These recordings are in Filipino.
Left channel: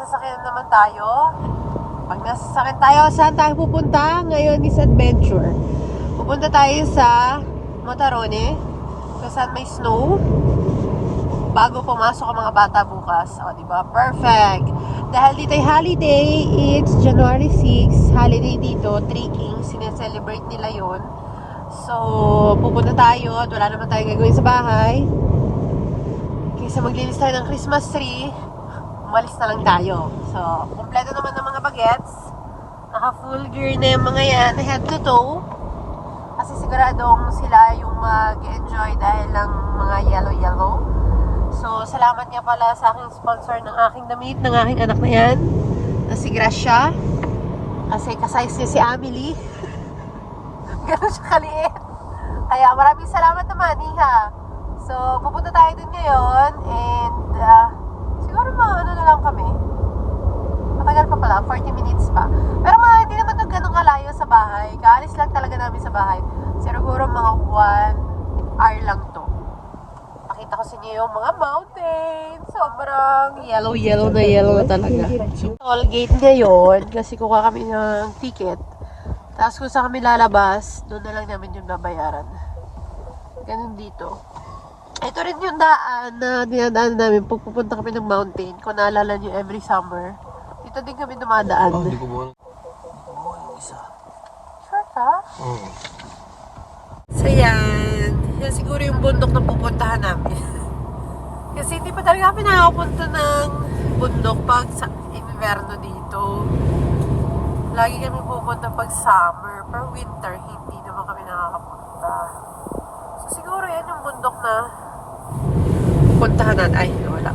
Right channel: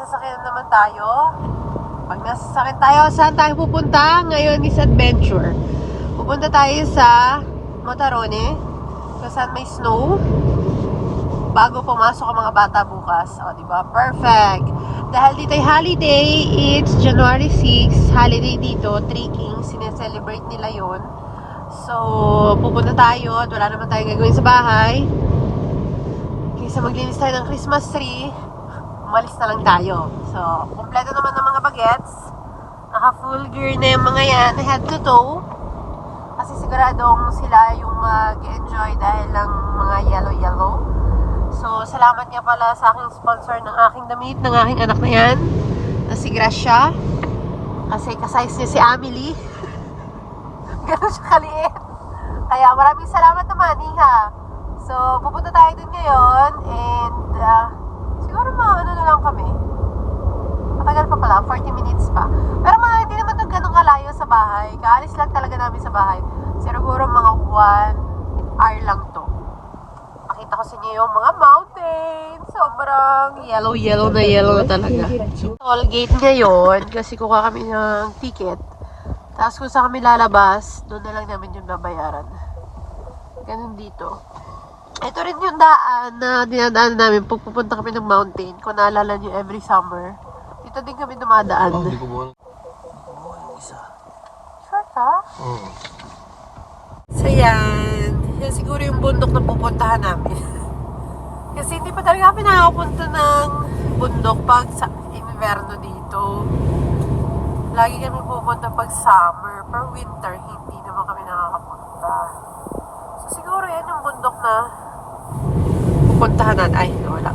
sasakyan naman tayo. Pag nasasakyan tayo, saan tayo pupunta? Ngayon is adventure. Pupunta tayo sa Motarone, kung saan may snow. Bago pumasok ang mga bata bukas. O, diba? Perfect! Dahil dito ay holiday, it's January 6, holiday dito, Three Kings, sineselebrate nila yon. So, pupunta tayo at wala naman tayong gagawin sa bahay. Kaysa maglinis tayo ng Christmas tree, umalis na lang tayo. So, kumpleto naman ng mga bagets. Naka full gear na yung mga yan, head to toe. Kasi siguradong sila yung mag-enjoy dahil lang mga yellow-yellow. So, salamat nga pala sa aking sponsor ng aking damit, ng aking anak na yan, na si Gracia. Kasi kasize niya si Amelie. Gano'n siya kaliit. Kaya maraming salamat naman, Iha. So, pupunta tayo dun ngayon. And, siguro mga ano na lang kami. Matagal pa pala, 40 minutes pa. Pero mga hindi naman ito ganun kalayo sa bahay. Kaalis lang talaga namin sa bahay. Siguro mga 1 hour lang to. Pakita ko sa inyo yung mga mountain. Sobrang yellow na talaga. So, toll gate ngayon. Kasi kuha kami ng ticket. Tapos kung saan kami lalabas, doon na lang namin yung babayaran. Ganun dito. Ito rin yung daan na dinadaan namin pag pupunta kami ng mountain. Kung naalala nyo every summer. Dito din kami dumadaan. Hindi ko buwan. Isa. Short ha? Oo. So yan. Yan siguro yung bundok na pupuntahan namin. Kasi hindi pa talaga kami nakakapunta ng bundok pag sa inverno dito. Lagi kami pupunta pag summer. Per winter, hindi naman kami nakakapunta. So siguro yan yung bundok na pupuntahan natin. Ay, wala.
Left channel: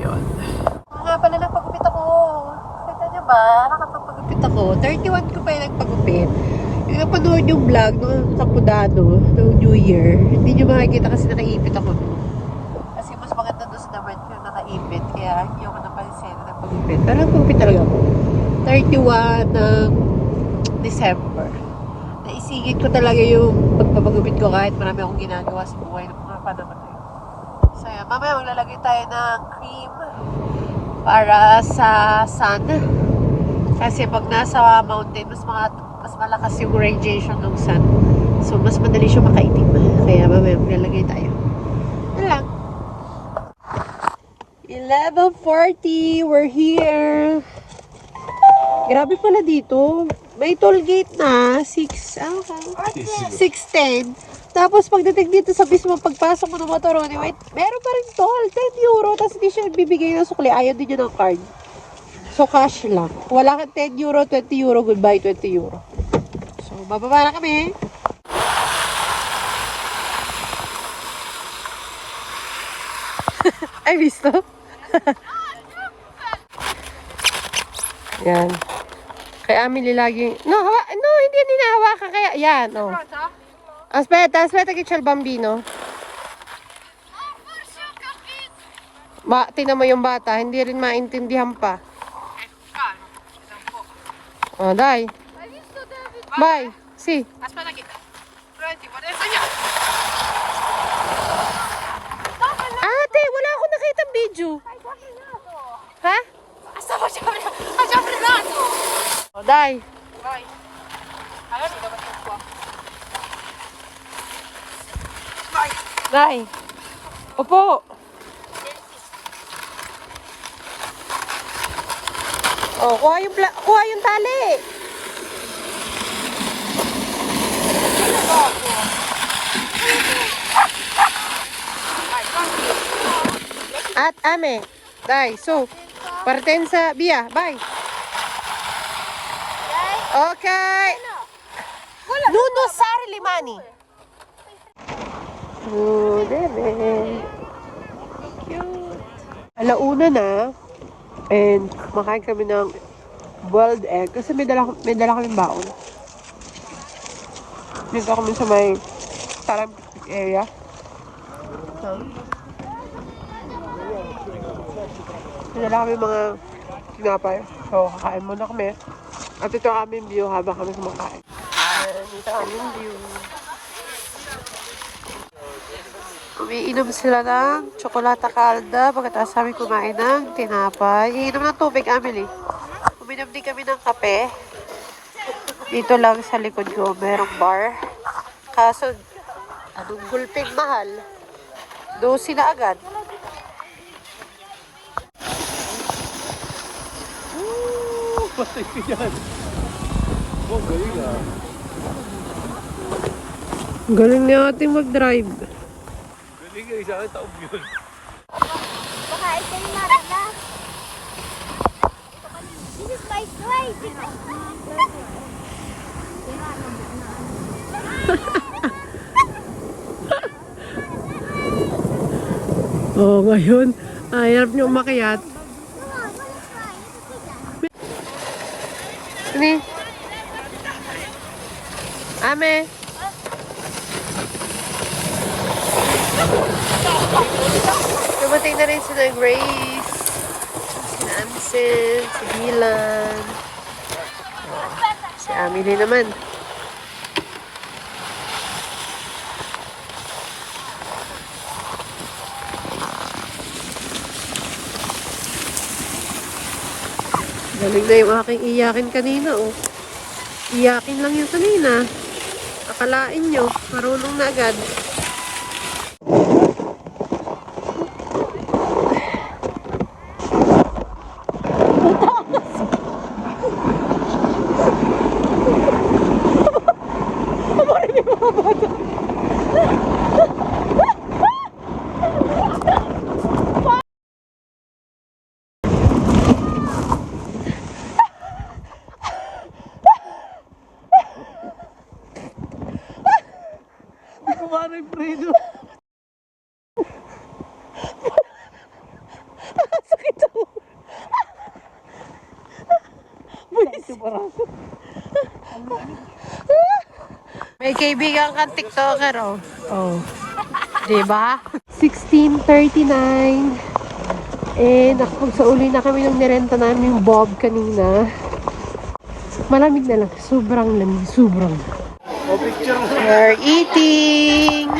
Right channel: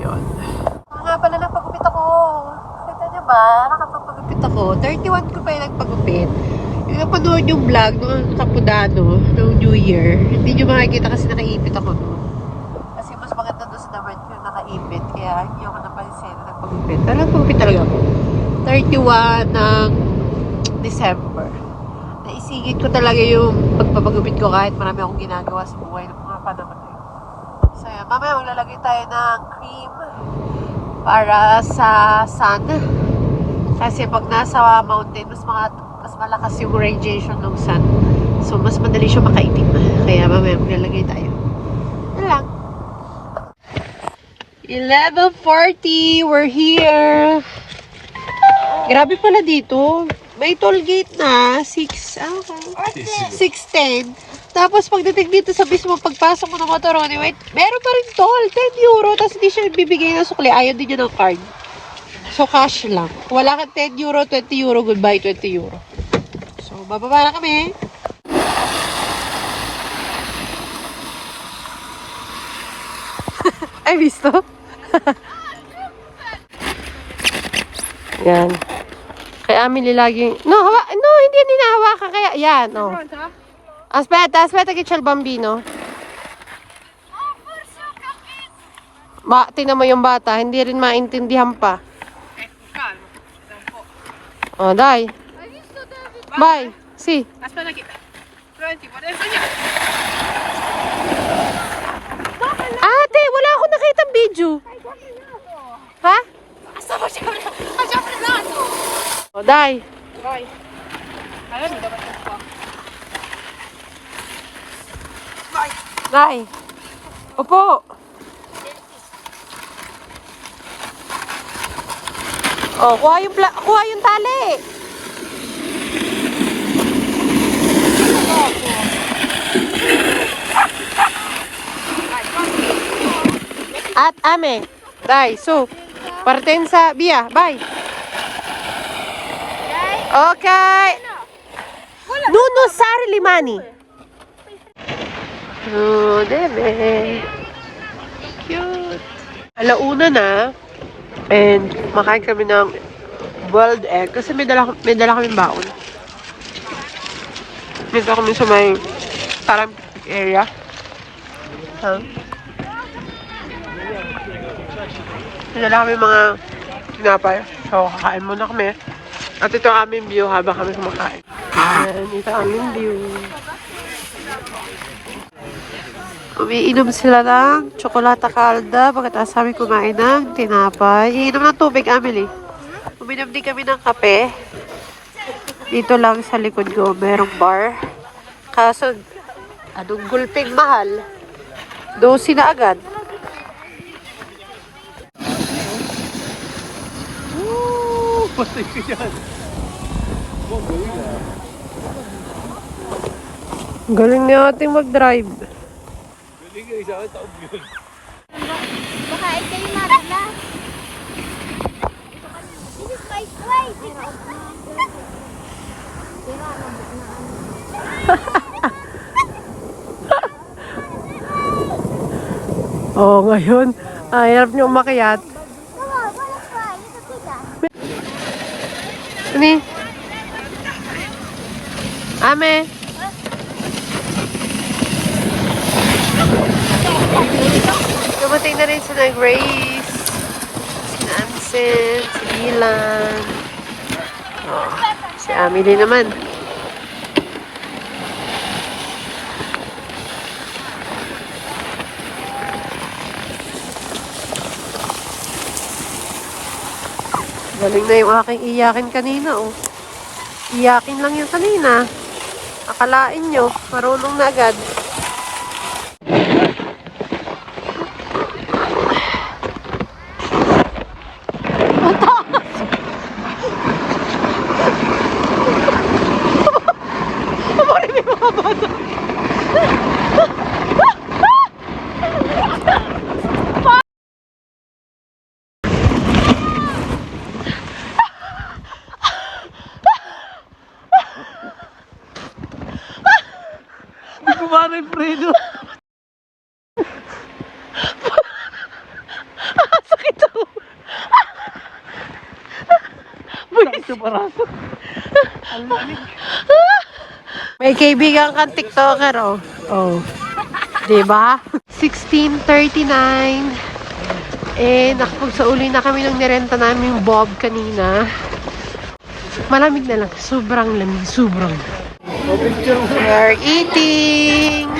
Yun. Nga pala nagpagupit ako. Kita nyo ba? Nakapagpagupit ako. 31 ko pa yung nagpagupit. Yung napanood yung vlog noong Kapudano, noong New Year, hindi nyo makikita kasi nakaipit ako noon. Kasi mas maganda doon sa naman ko nakaipit. Kaya hindi ako napansin na nagpagupit. Pero nagpagupit talaga ako. 31 ng December. Naisingit ko talaga yung pagpapagupit ko kahit marami akong ginagawa sa buhay ng mga panahon na yun. So, mamaya maglalagay tayo ng cream para sa sun. Kasi pag nasa mountain, mas malakas yung radiation ng sun. So, mas madali siya makaitim. Kaya mamaya maglalagay tayo. Yan lang. 11:40, we're here. Grabe pala dito. May toll gate na. 6:10. Tapos pagdating dito sa mismo, pagpasok mo ng Motorone, wait, meron pa rin toll. 10 euro. Tapos hindi siya bibigay ng sukli. Ayaw din niya ng card. So, cash lang. Wala kang 10 euro, 20 euro. Goodbye, 20 euro. So, bababa na kami. Ay, visto? Yan. Kaya Amelie laging... No, hindi hinahawakan. Kaya, yan. No. Aspetta, che c'è il bambino. Tingnan mo yung bata, hindi rin maintindihan pa. Oh, dai. Vai, sì. Aspetta che... Pronti, adesso andiamo. Ate, wala akong nakitang video. Ha? Stavo facendo... Ha già frenato! Oh, dai. Dai. Allora dove sta qua? Dai. Dai. Opo. Oh, kuha yung tali. At ame. Dai, su. Partenza, via, vai. Okay. Non usare le mani. Oh, bebe. Cute. Alauna na. And makain kami ng boiled egg. Kasi may dala kaming baon. Dito kami sa may parang area. May dala kami mga tinapay. So, kakain muna kami. At ito ang aming view habang kami kumakain. Ayan, ito ang aming view. Umiinom sila ng tsokolata kalda. Pagkatapos kami kumain ng tinapay. Iinom ng tubig, Amelie. Uminom din kami ng kape. Dito lang sa likod ko, merong bar. Kaso, anong gulping mahal? 12 na agad. Galing niya ating mag-drive. Baka ay kayo madala. This is my slide. Oo, ngayon. Hirap niyo umakyat. Ni? Ame? Dumating na rin si Grace, si Ansel, si Milan. Oh, si Amelie naman. Galing na yung aking iyakin kanina, oh. Iyakin lang yung kanina. Akalain nyo, marunong na agad. Kumarin, Fredo. Sakit ako. May kaibigan kang TikToker, oh. Oh. Diba? 16:39. Nakapagsauli na kami ng nirenta namin yung Bob kanina. Malamig na lang. Sobrang lamig. Sobrang. We are eating.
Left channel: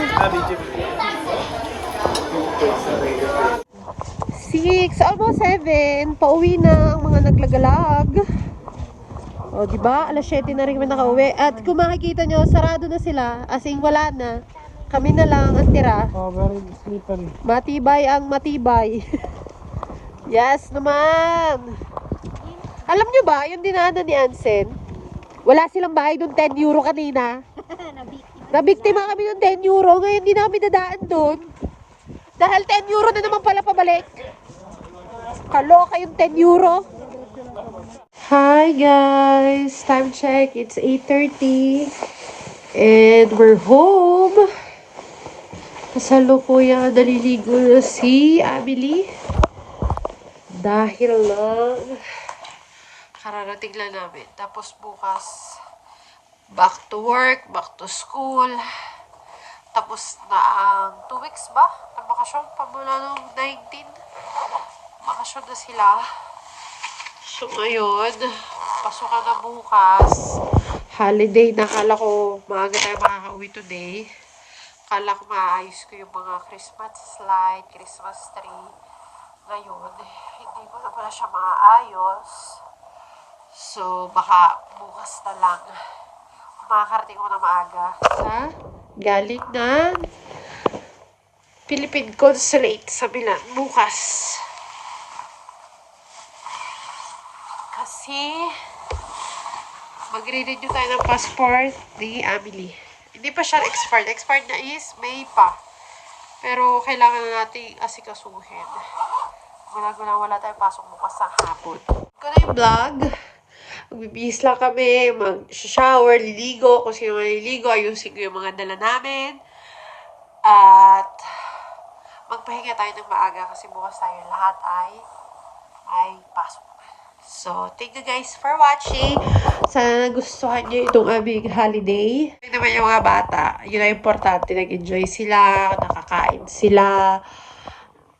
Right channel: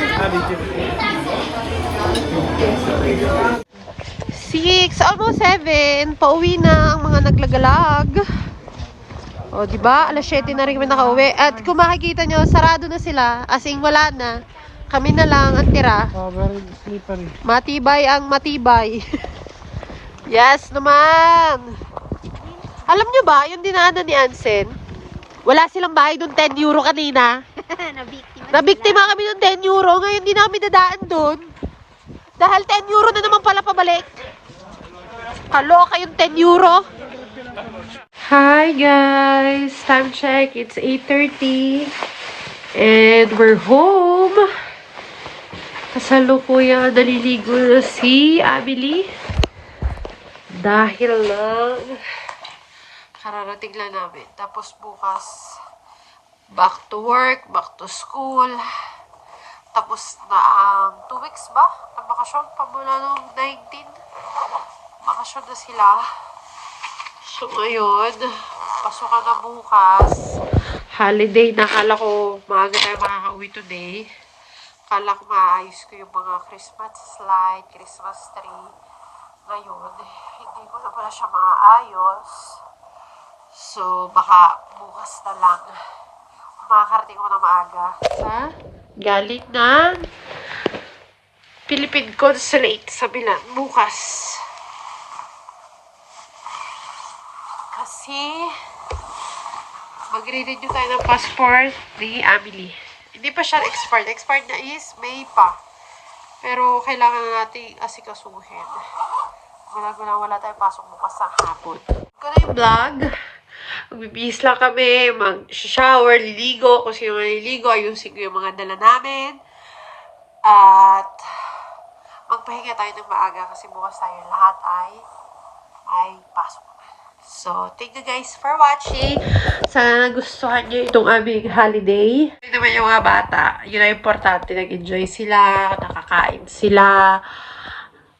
6, almost 7. Pauwi na ang mga naglagalag. O, diba? Alas 7 na rin kami nakauwi. At kung makikita nyo, sarado na sila. As in, wala na. Kami na lang ang tira. Matibay ang matibay. Yes naman. Alam nyo ba, yung dinaanan ni Ansen, wala silang bahay doon, 10 euro kanina. Nabiktima kami ng 10 euro. Ngayon di namin dadaan doon. Dahil 10 euro na naman pala pabalik. Kaloka yung 10 euro. Hi guys! Time check. It's 8:30. And we're home. Kasalukuyang naliligo na si Amelie. Dahil lang kararating lang namin. Tapos bukas back to work, back to school. Tapos na ang 2 weeks ba? Na bakasyon pa mula nung 19. Bakasyon na sila. So ngayon, pasukan na bukas. Holiday na. Kala ko maaga tayo makaka-uwi today. Kala ko maayos ko yung mga Christmas light, Christmas tree. Ngayon, hindi ko na pala siya maayos. So, baka bukas na lang. Makakarating ko na maaga sa galing ng Philippine Consulate sa Milan bukas. Kasi magre-renew tayo ng passport ni Amelie. Hindi pa siya expired. Expired na is May pa. Pero kailangan na natin asikasuhin. Wala tayo pasok bukas sa hapon. Ito na yung vlog. Magbibihis lang kami, mag-shower, liligo. Kung sino maliligo, ayusin ko yung mga dala namin. At magpahinga tayo ng maaga kasi bukas tayo lahat ay may pasok. So, thank you guys for watching. Sana nagustuhan nyo itong aming holiday. Yun naman yung mga bata. Yun ang importante. Nag-enjoy sila, nakakain sila.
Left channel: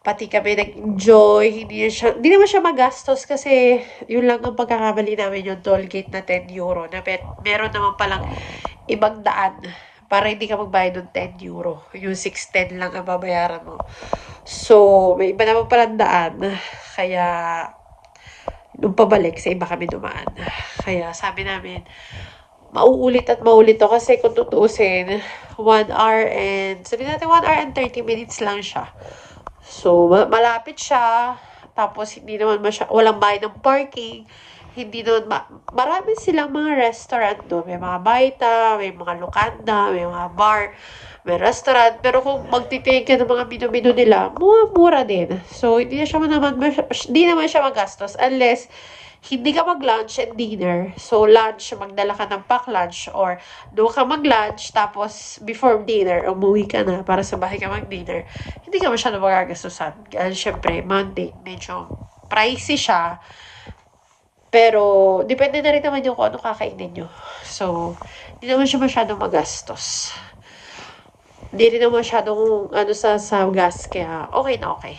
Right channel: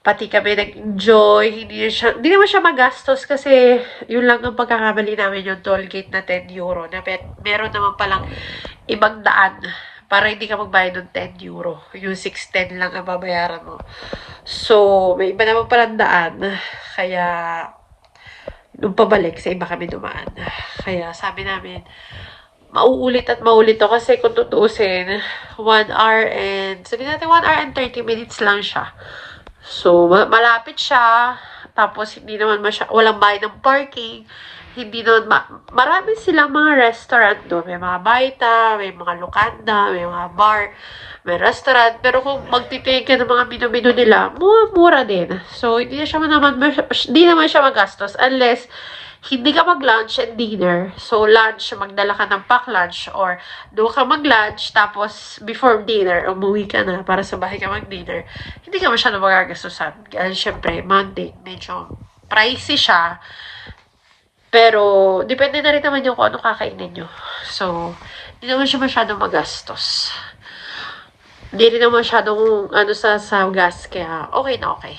Pati kami nag-enjoy. Hindi naman siya magastos kasi yun lang ang pagkakamali namin yung toll gate na 10 euro. Na meron naman palang ibang daan para hindi ka magbayad ng 10 euro. Yung 610 lang ang babayaran mo. So, may iba naman palang daan. Kaya, nung pabalik, sa iba kami dumaan. Kaya, sabi namin, mauulit at maulit to kasi kung tutuusin, 1 hour and, sabi natin 1 hour and 30 minutes lang siya. So, malapit siya. Tapos, hindi naman walang bayad ng parking. Hindi doon, marami silang mga restaurant doon. May mga baita, may mga lukanda, may mga bar, may restaurant. Pero kung magtitingin ka ng mga menu-menu nila, mura din. So, hindi naman siya magastos unless hindi ka mag-lunch and dinner. So, lunch, magdala ka ng pack lunch or doon ka mag-lunch tapos before dinner, umuwi ka na para sa bahay ka mag-dinner. Hindi ka masyado magagastusan. Kasi syempre, Monday, medyo pricey siya. Pero, depende na rin naman yung kung ano kakainin nyo. So, hindi naman siya masyadong magastos. Hindi rin naman masyadong sa gas. Kaya, okay na okay.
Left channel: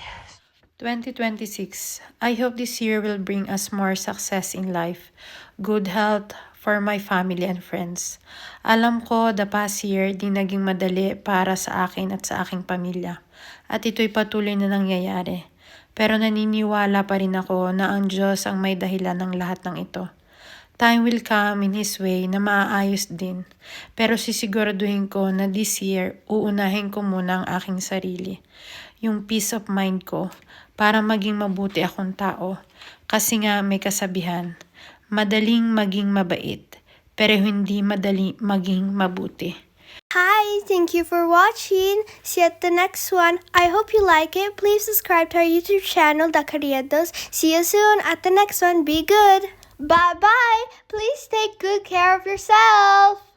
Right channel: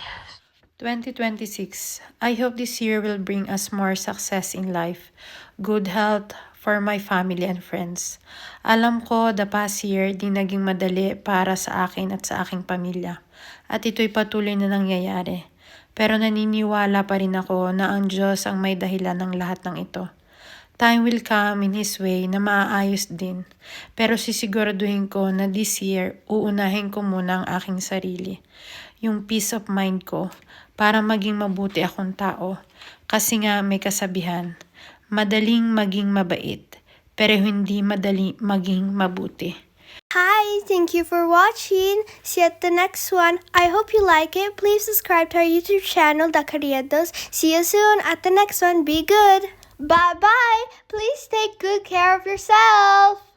2026. I hope this year will bring us more success in life. Good health for my family and friends. Alam ko, the past year, di naging madali para sa akin at sa aking pamilya. At ito'y patuloy na nangyayari. Pero naniniwala pa rin ako na ang Diyos ang may dahilan ng lahat ng ito. Time will come in His way na maaayos din. Pero sisiguraduhin ko na this year, uunahin ko muna ang aking sarili. Yung peace of mind ko para maging mabuti akong tao. Kasi nga may kasabihan, madaling maging mabait, pero hindi madali maging mabuti. Hi, thank you for watching. See you at the next one. I hope you like it. Please subscribe to our YouTube channel, The Carriedos. See you soon at the next one. Be good. Bye-bye. Please take good care of yourself.